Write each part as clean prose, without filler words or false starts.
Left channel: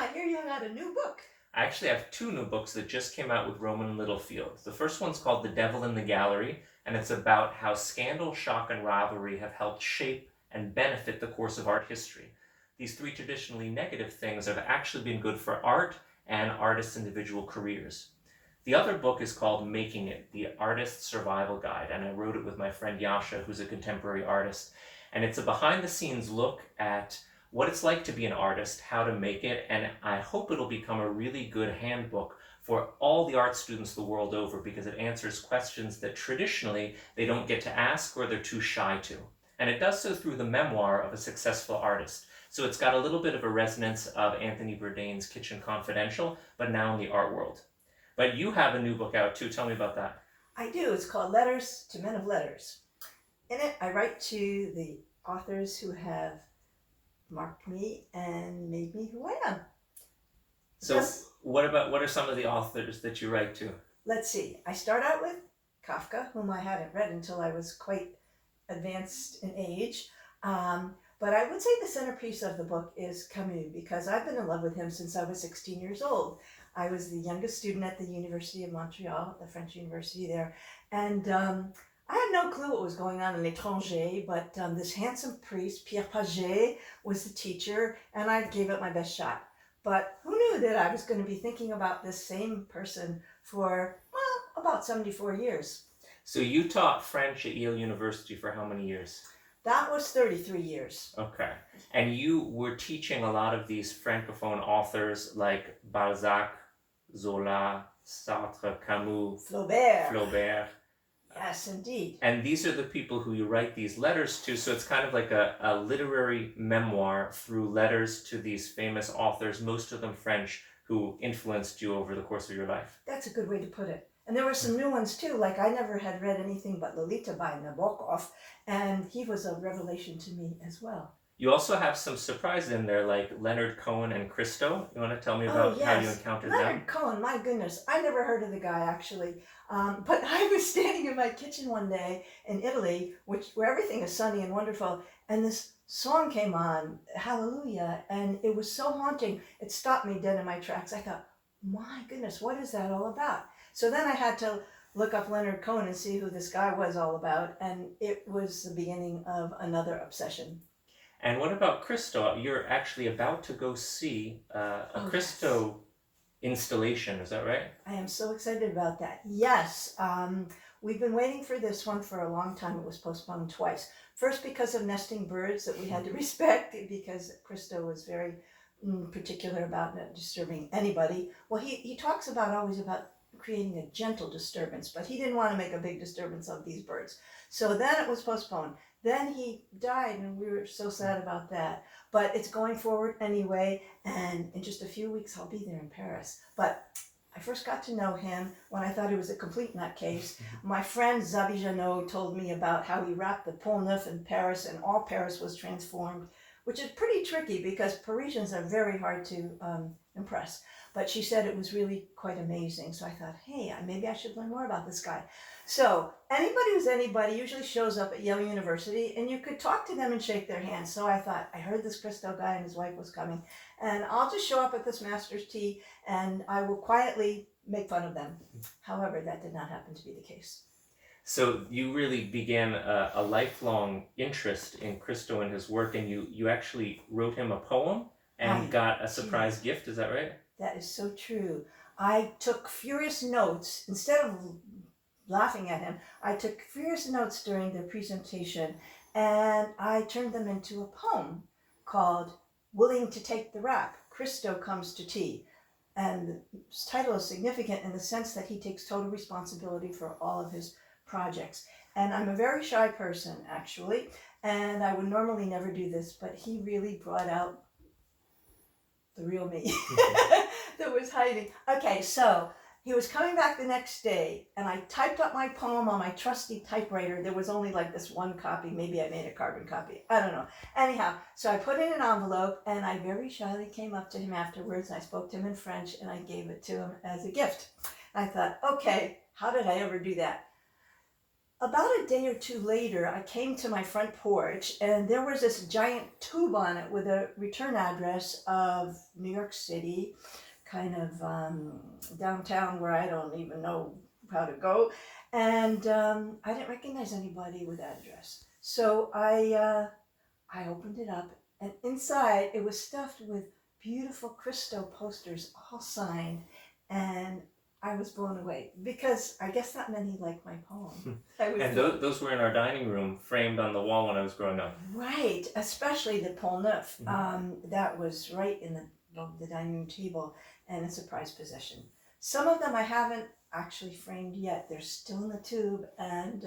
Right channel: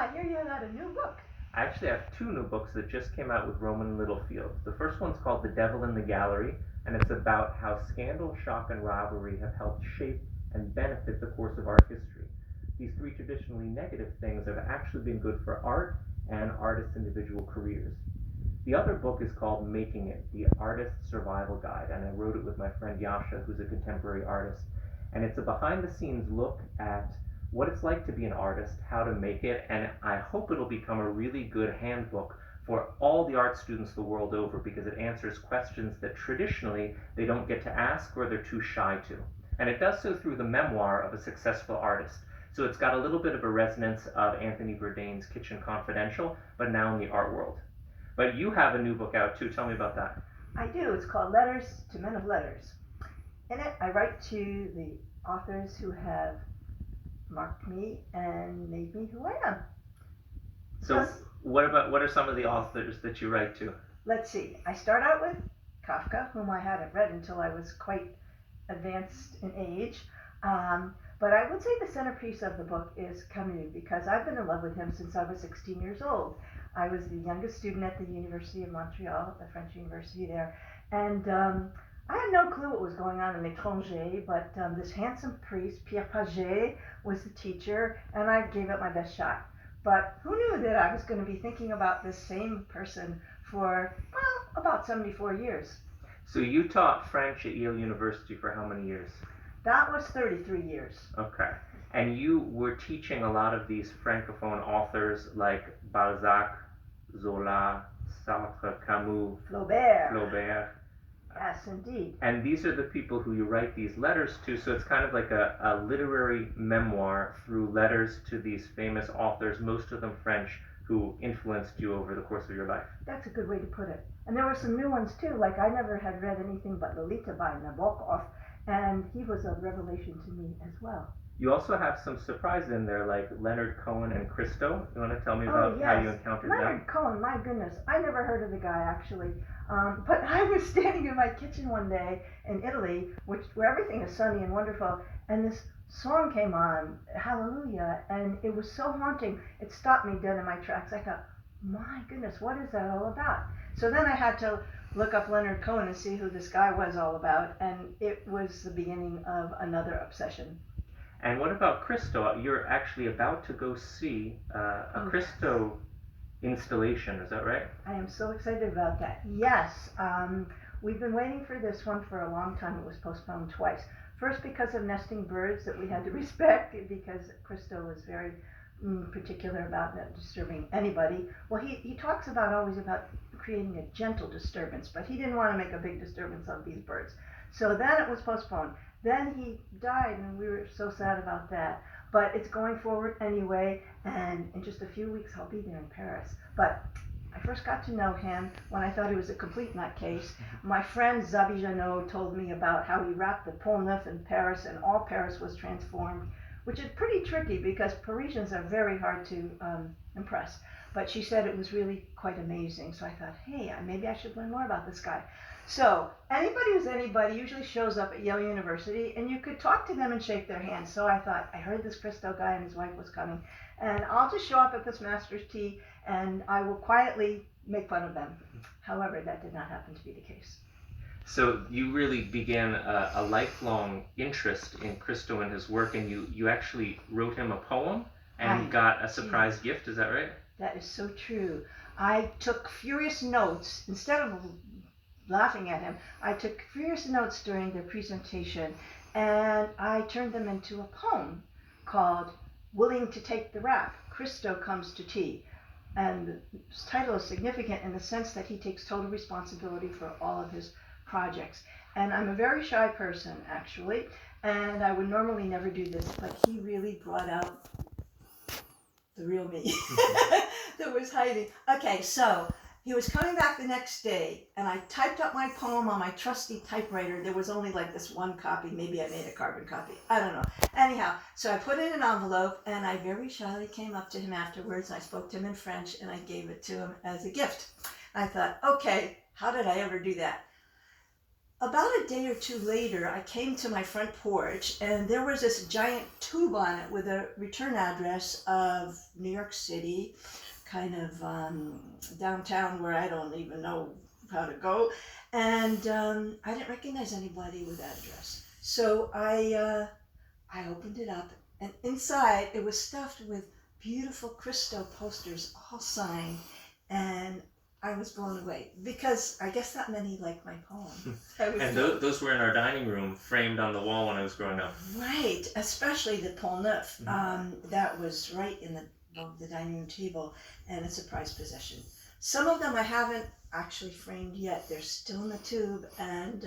I hear you got a new book. I actually have 2 new books that just came out with Roman Littlefield. The first one's called The Devil in the Gallery, and it's about how scandal, shock, and rivalry have helped shape and benefit the course of art history. These 3 traditionally negative things have actually been good for art and artists' individual careers. The other book is called Making It, The Artist's Survival Guide, and I wrote it with my friend JASA, who's a contemporary artist. And it's a behind-the-scenes look at what it's like to be an artist, how to make it, and I hope it'll become a really good handbook for all the art students the world over, because it answers questions that traditionally they don't get to ask or they're too shy to. And it does so through the memoir of a successful artist. So it's got a little bit of a resonance of Anthony Bourdain's Kitchen Confidential, but now in the art world. But you have a new book out too. Tell me about that. I do. It's called Letters to Men of Letters. In it, I write to the authors who have marked me and made me who I am. So what are some of the authors that you write to? Let's see. I start out with Kafka, whom I hadn't read until I was quite advanced in age. But I would say the centerpiece of the book is Camus, because I've been in love with him since I was 16 years old. I was the youngest student at the University of Montreal, the French university there, and I had no clue what was going on in L'Étranger, but this handsome priest, Pierre Paget, was the teacher, and I gave it my best shot. But who knew that I was going to be thinking about this same person for, well, about 74 years. So you taught French at Yale University for how many years? That was 33 years. Okay. And you were teaching a lot of these Francophone authors like Balzac, Zola, Sartre, Camus, Flaubert. Yes, indeed. And these are the people who you write these letters to, so it's kind of like a literary memoir through letters to these famous authors, most of them French, who influenced you over the course of your life. That's a good way to put it. And there were some new ones too, like I never had read anything but Lolita by Nabokov, and he was a revelation to me as well. You also have some surprises in there, like Leonard Cohen and Christo. You want to tell me about how you encountered Leonard Cohen, my goodness. I never heard of the guy, actually. But I was standing in my kitchen one day in Italy, where everything is sunny and wonderful, and this song came on, Hallelujah, and it was so haunting. It stopped me dead in my tracks. I thought, my goodness, what is that all about? So then I had to look up Leonard Cohen and see who this guy was all about, and it was the beginning of another obsession. And what about Christo? You're actually about to go see a Christo installation, is that right? I am so excited about that. Yes, we've been waiting for this one for a long time. It was postponed twice. First because of nesting birds that we had to respect, because Christo was very particular about not disturbing anybody. Well, he talks always about creating a gentle disturbance, but he didn't want to make a big disturbance of these birds. So then it was postponed. Then he died, and we were so sad about that. But it's going forward anyway, and in just a few weeks I'll be there in Paris. But I first got to know him when I thought he was a complete nutcase. My friend Zabi Janot told me about how he wrapped the Pont Neuf in Paris, and all Paris was transformed, which is pretty tricky because Parisians are very hard to impress. But she said it was really quite amazing. So I thought, hey, maybe I should learn more about this guy. So anybody who's anybody usually shows up at Yale University, and you could talk to them and shake their hands. So I thought, I heard this Christo guy and his wife was coming, and I'll just show up at this master's tea and I will quietly make fun of them. However, that did not happen to be the case. So you really began a lifelong interest in Christo and his work, and you actually wrote him a poem and got a surprise gift, is that right? That is so true. I took furious notes. Instead of laughing at him, I took furious notes during the presentation, and I turned them into a poem called Willing to Take the Rap, Christo Comes to Tea. And the title is significant in the sense that he takes total responsibility for all of his projects. And I'm a very shy person, actually, and I would normally never do this, but he really brought out the real me that was hiding. Okay, so he was coming back the next day, and I typed up my poem on my trusty typewriter. There was only like this one copy. Maybe I made a carbon copy. I don't know. Anyhow, so I put it in an envelope, and I very shyly came up to him afterwards. I spoke to him in French, and I gave it to him as a gift. I thought, okay, how did I ever do that? about a day or two later, I came to my front porch and there was this giant tube on it with a return address of New York City, kind of downtown where I don't even know how to go. And I didn't recognize anybody with that address. So I opened it up, and inside it was stuffed with beautiful Christo posters, all signed, and I was blown away because I guess not many liked my poem. And those were in our dining room, framed on the wall when I was growing up. Right, especially the Pont Neuf. That was right in the dining room table, and it's a prized possession. Some of them I haven't actually framed yet. They're still in the tube, and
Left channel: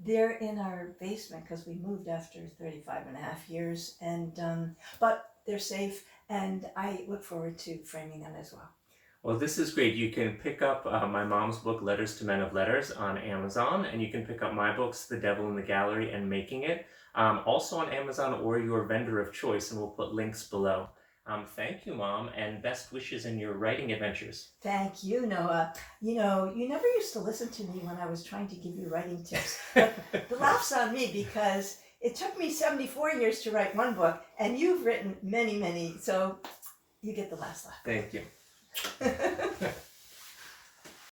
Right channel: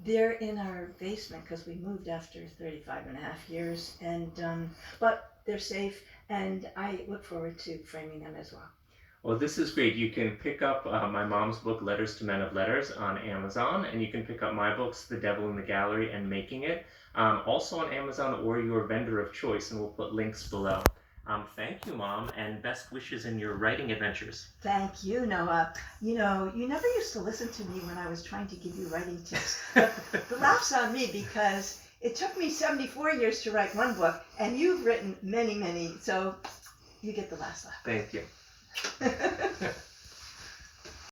they're in our basement because we moved after 35 and a half years, and but they're safe, and I look forward to framing them as well. Well, this is great. You can pick up my mom's book, Letters to Men of Letters, on Amazon, and you can pick up my books, The Devil in the Gallery and Making It, also on Amazon or your vendor of choice, and we'll put links below. Thank you, Mom, and best wishes in your writing adventures. Thank you, Noah. You know, you never used to listen to me when I was trying to give you writing tips. But the laugh's on me because it took me 74 years to write one book, and you've written many, many, so you get the last laugh. Thank you.